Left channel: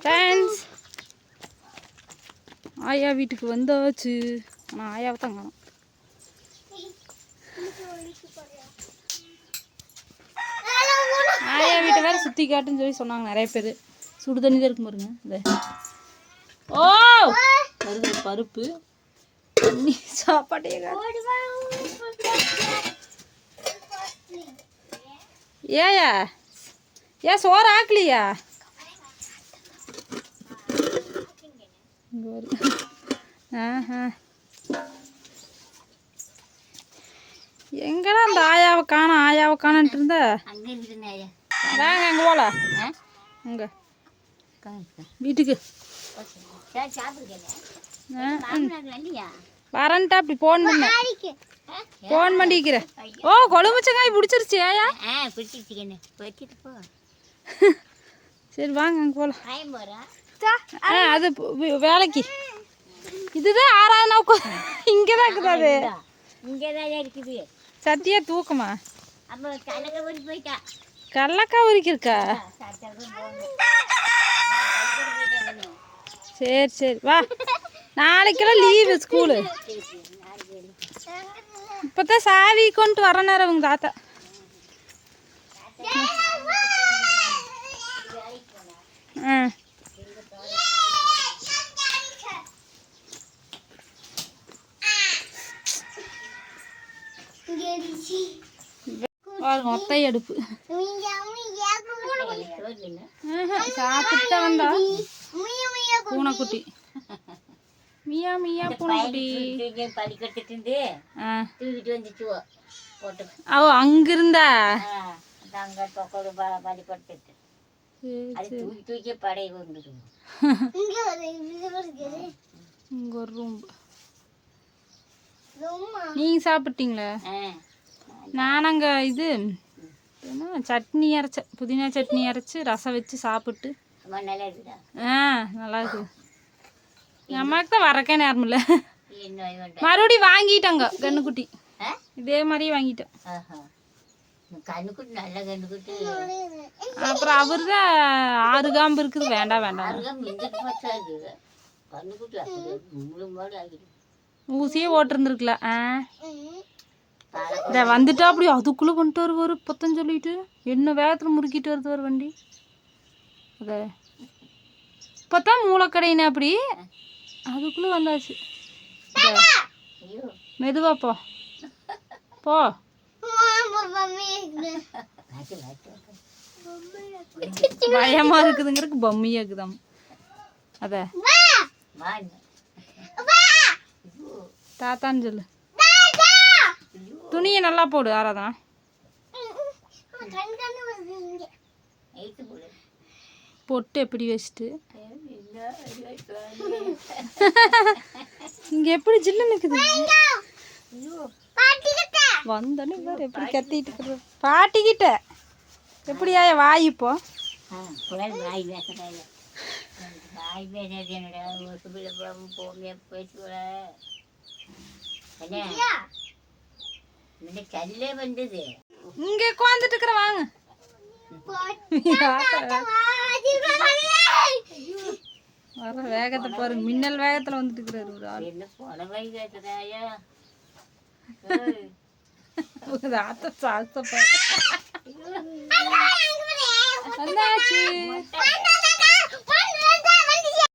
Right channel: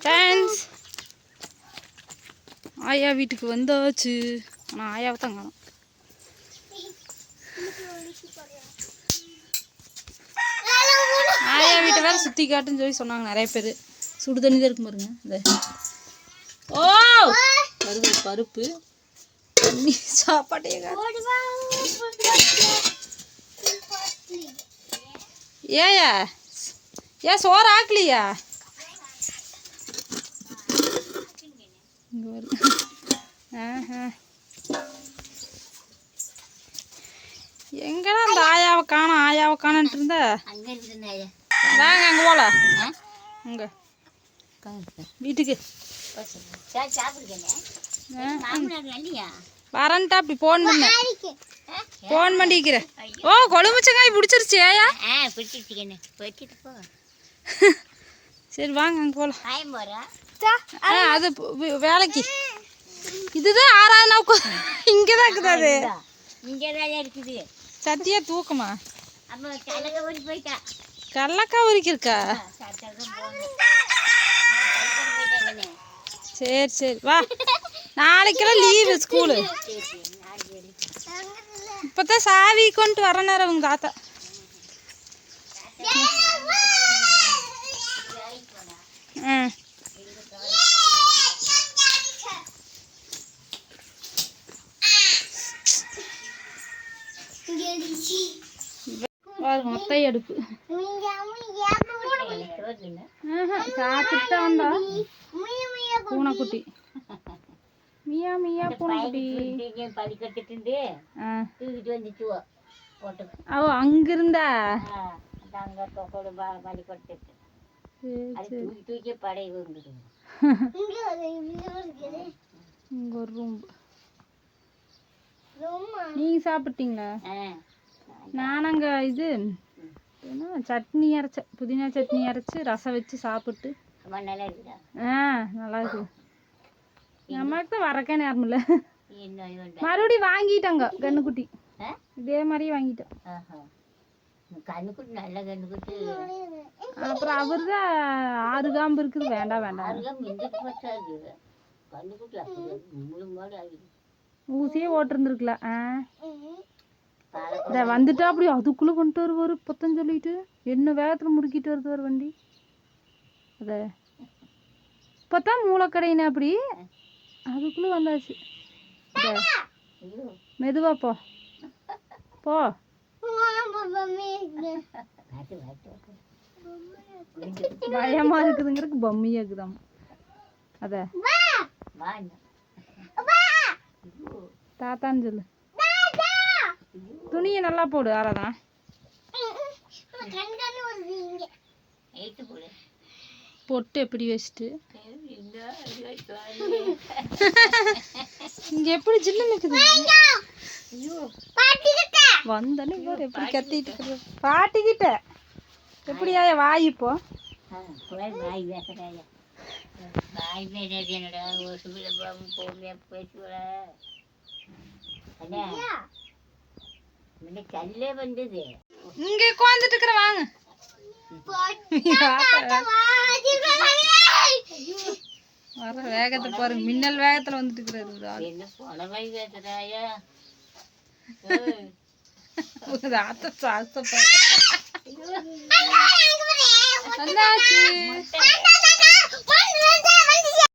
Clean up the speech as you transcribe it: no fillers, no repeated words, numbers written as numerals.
Friends, ஆயா வீட்டுக்கு வந்தாச்சு. ஆனால் ஆயாவை தான் காணோம். ஆயா வீட்டை வேறு சுற்றி காட்டுன்னு சொல்லி சொன்னாங்க நிறைய பேர். சுடு தண்ணி தான் இருக்கும் பாருங்க. இந்த ஓ வருது பருப்பு தண்ணி சாப்பாட்டையே காட்டு. ஏயா ஏன் சோறு ஆக்கலையா? இங்கே வருது. எங்கடா அந்த ஆயாவை காணோம் ஆயாவை காணன்ட்டு இருந்தா? வாங்க அங்கே போகலாம். அங்கே வீட்டுக்கு வரன்ட்டா. அப்படி ஃபோன் பண்ணிக்கிறேன். ஓ கொழுமிச்சங்காய் பிடிச்சிருச்சு ஏயா? சரி வாங்க அங்கே போகலாம். அது வேலைக்கு இதுதான் 6வது நாள் இங்கே தான் இருக்குது. அது இங்கே தான் இருக்குது. சத்தியா தூக்கமா? அப்போ கடலக்காய் உரிக்க போயிட்டா. கடலக்காய் உரிக்கிருக்கா? சரி சரி வா. நாளைக்கெல்லாம் லீவு ஸ்கூலு. இப்போ தான் சாவி கொண்டு வர நேரம் உங்க தாத்தா. மொட்டை அடுப்பு சாப்பிட்டு தான் வந்தா பூனைக்குட்டி. மியா மியா பூனைக்குட்டி. ஓ அங்கிருந்தா இங்க ஒரு ரூம். நீங்க சாப்பிட்டீங்களா? நான் அங்கே இது என்ன சட்னி அரைச்ச புதினா சட்னி அரைச்சி ரசம் வச்சு சாப்பிட்டு. நல்லா இருக்குது. நமக்கு தான் வரக்கே நேரம் இல்லை. மறுபடியும் வாங்கிட்டாங்க கண்ணுக்குட்டி. இதே மாதிரி வாங்கிட்டோம். அப்புறம் அவர் தான் 6 காம்பு இருக்குது. வேண்டாம் வேண்டாம் ஊசியே ஓட்டிருந்துருக்கலாம். இதை வந்துட்டா அப்படி அதுக்குள்ளே வந்துட்டு வருவார். இப்போத்தான் சொல்லிட்டு என்ன வேகத்தில் முறுக்கிட்டு வருது வண்டி. அதை இப்போத்தான் மூளைக்கடையினே அப்படி அதுக்குள்ளே வந்தாச்சு. மெதுவா போ போ. பயமா இருக்குதுங்கிறதுக்கு பொம்மையா இருக்குதாம். அத தாத்தான்னு சொல்லு. துணியை நல்லா போடு. ஆறாதான் பொட்டு எப்படி வச்சுட்டு இங்க எப்படி ஜில்லுன்னு இருக்குது. வந்தோடனே பாரு எப்படி கத்திட்டு பாட்டிக்கிட்ட. எப்படியா வாய் இப்போ இங்க உட்காந்துட்டு இருக்கிற. வாங்க வர வேகத்தை பாருங்க. மின்னல் வேகத்துல வந்துட்டு இருக்கிறாரு. வந்தாச்சு.